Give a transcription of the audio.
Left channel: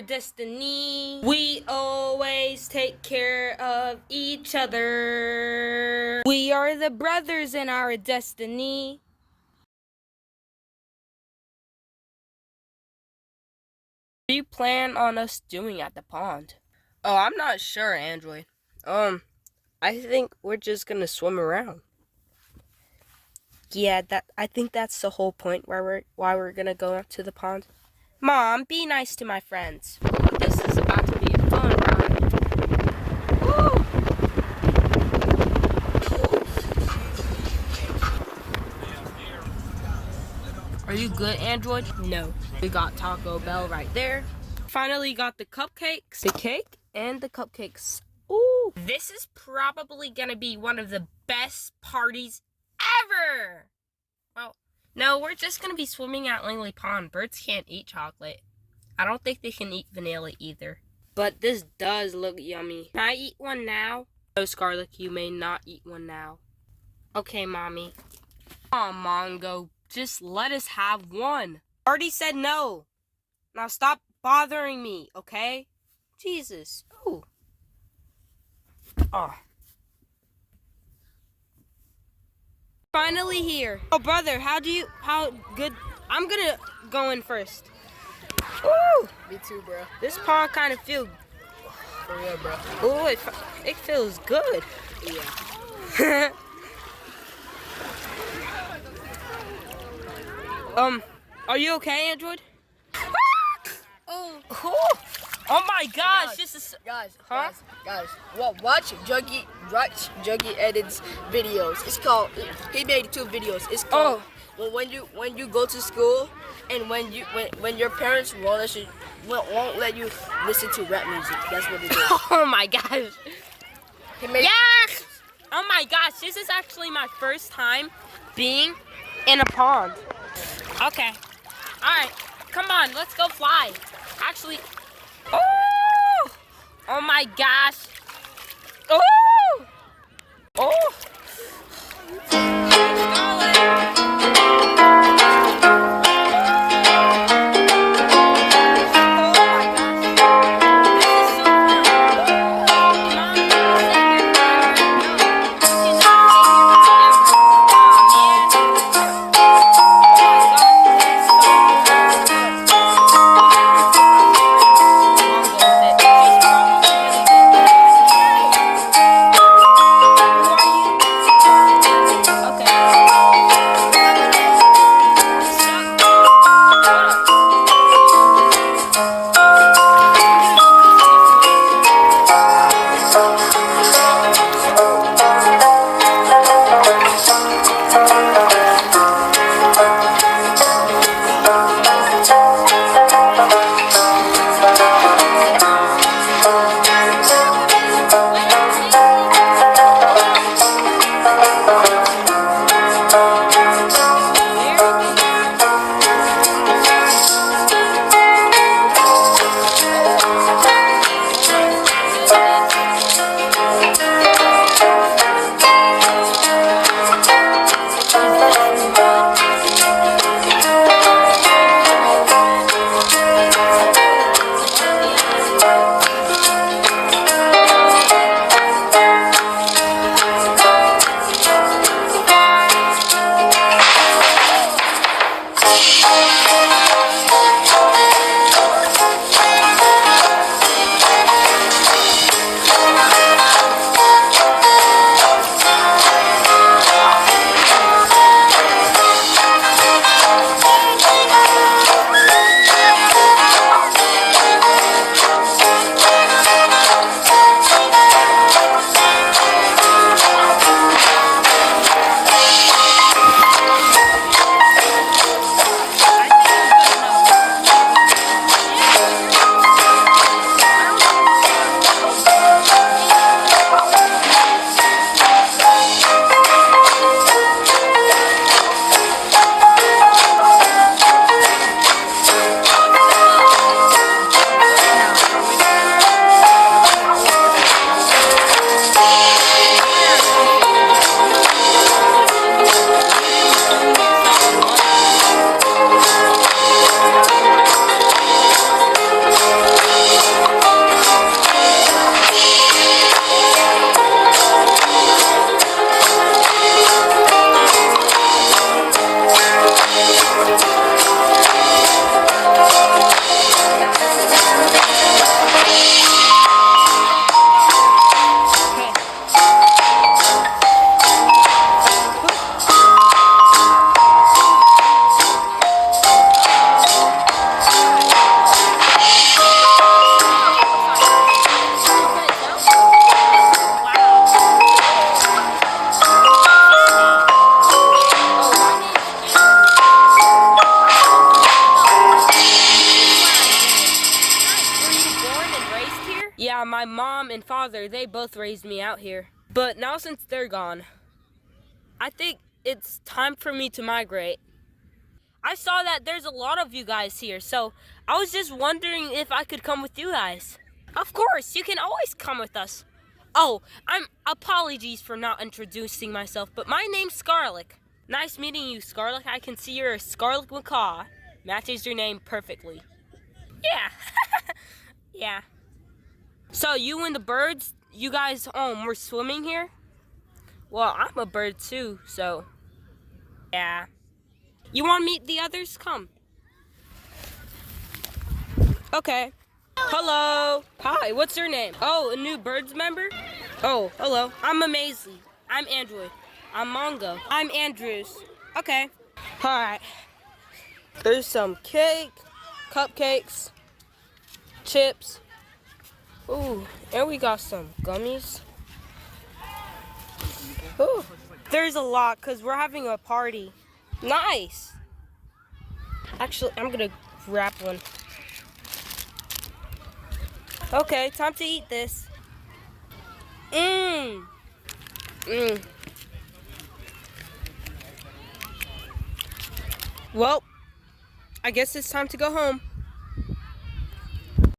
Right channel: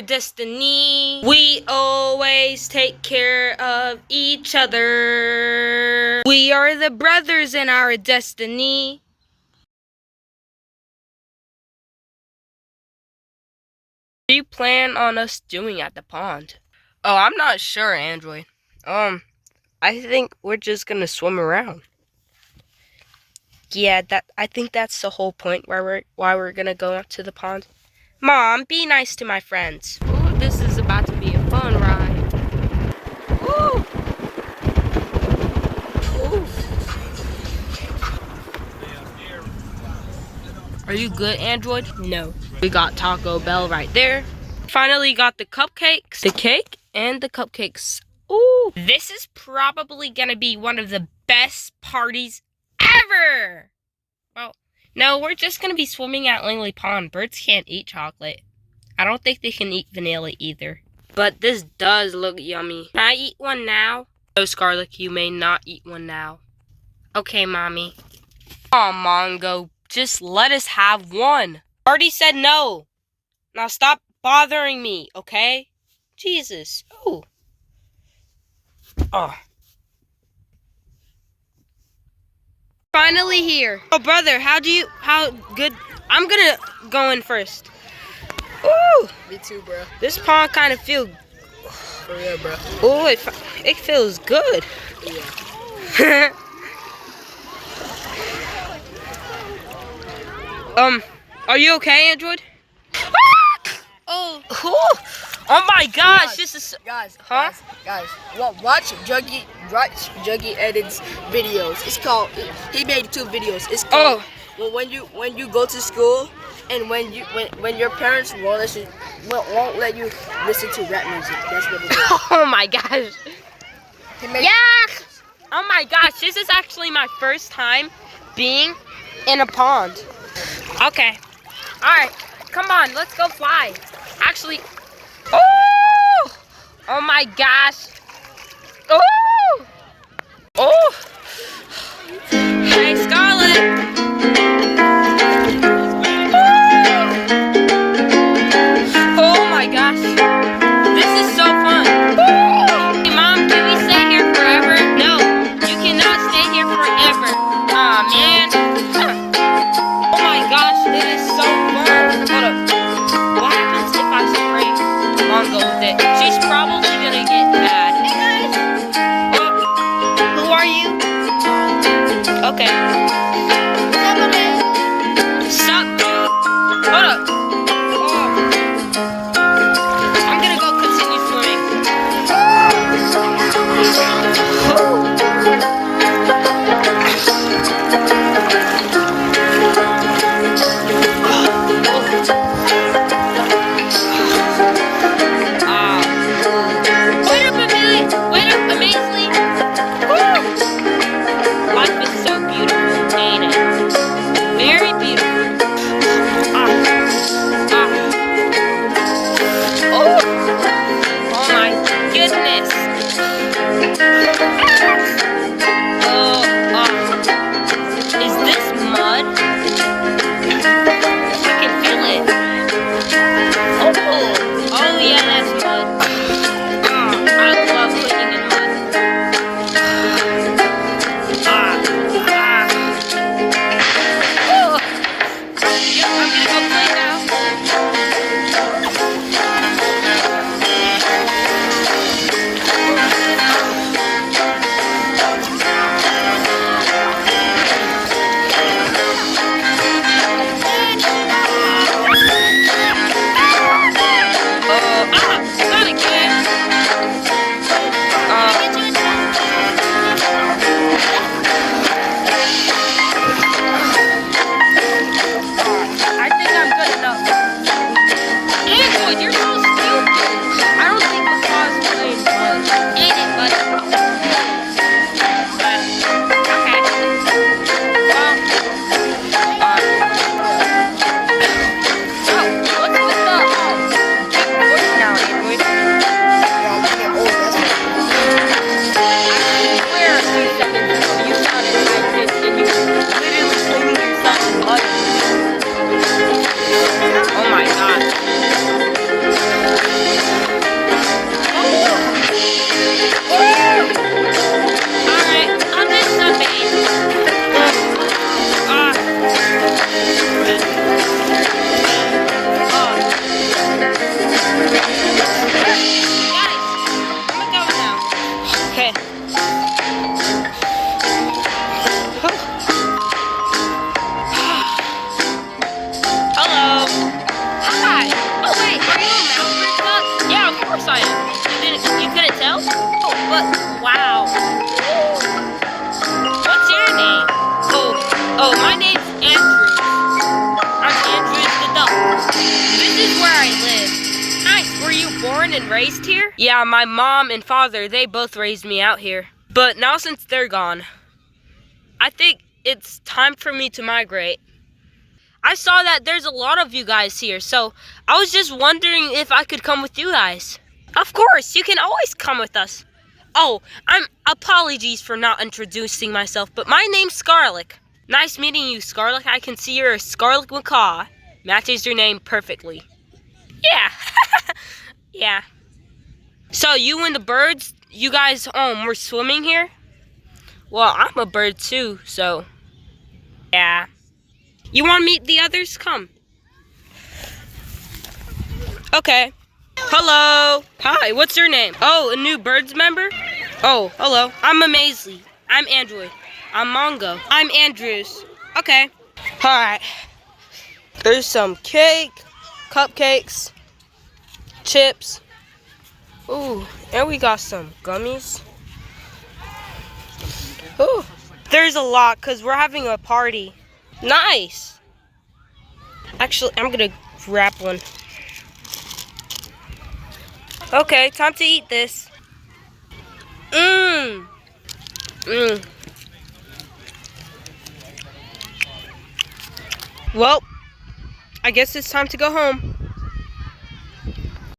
our destiny. We always take care of each other. We are the brothers in our destiny. What do you plan on us doing at the pond? Oh, I'm not sure, Android. I think we're just gonna swim around. Yeah, I think that's the whole point why we're gonna go up to the pond. Mom, be nice to my friends. Ooh, this is about to be a fun ride. Ooh. Ooh. Are you good, Android? No. We got Taco Bell right there. Finally got the cupcakes, the cake, and the cupcakes. Ooh, this is probably gonna be one of the best parties ever. Well, no, we're just gonna be swimming at Langley Pond. Birds can't eat chocolate. I don't think they can eat vanilla either. But this does look yummy. Can I eat one now? No, Scarlet, you may not eat one now. Okay, Mommy. Aw, Mongo, just let us have one. Already said no. Now stop bothering me, okay? Jesus. Ooh. Oh. Finally here. Oh, brother, how good? I'm gonna go in first. Ooh. Me too, bro. This pond kind of feels. For real, bro. Ooh, it feels good. Yeah. Are you okay, Android? Oh. Oh my gosh, this is. Guys, Huh? guys. Watch Juggy edits videos. It's called. He made 2 videos. It's called. Well, when you go to school, and when your parents won't let you listen to rap music. That's what it is. Oh my gosh. Yeah. Oh my gosh, this is actually my first time being in a pond. Okay. Alright, come on, let's go fly. Actually, oh! Oh my gosh. Oh! Oh! Hey, Scarlet. Oh my gosh. This is so fun. Hey, Mom, can we stay here forever? No, you cannot stay here forever. Aw, man. Oh my gosh, it is so fun. Hold up. What happens if I spray Mongo with it? She's probably gonna get mad. Yeah, my mom and father, they both raised me out here. But now since they're gone, I think it's time for me to migrate. I saw that there's a lot of you guys here, so I was just wondering if I could come with you guys. Of course, you can always come with us. Oh, apologies for not introducing myself, but my name's Scarlet. Nice meeting you, Scarlet. I can see you're a Scarlet Macaw. Matches your name perfectly. Yeah. Yeah. So you and the birds, you guys were swimming here? Well, I'm a bird too, so yeah. You want to meet the others? Come. Okay. Hello. Hi, what's your name? Oh, a new birds member? Oh, hello. I'm Amazely. I'm Android. I'm Mongo. I'm Andrews. Okay. Alright. There's some cake, cupcakes, chips. Ooh, and we got some gummies. Ooh. There's a lot because we're having a party. Nice. Actually, I'm gonna wrap one. Okay, time to eat this. Mmm. Mmm. Well, I guess it's time to go home.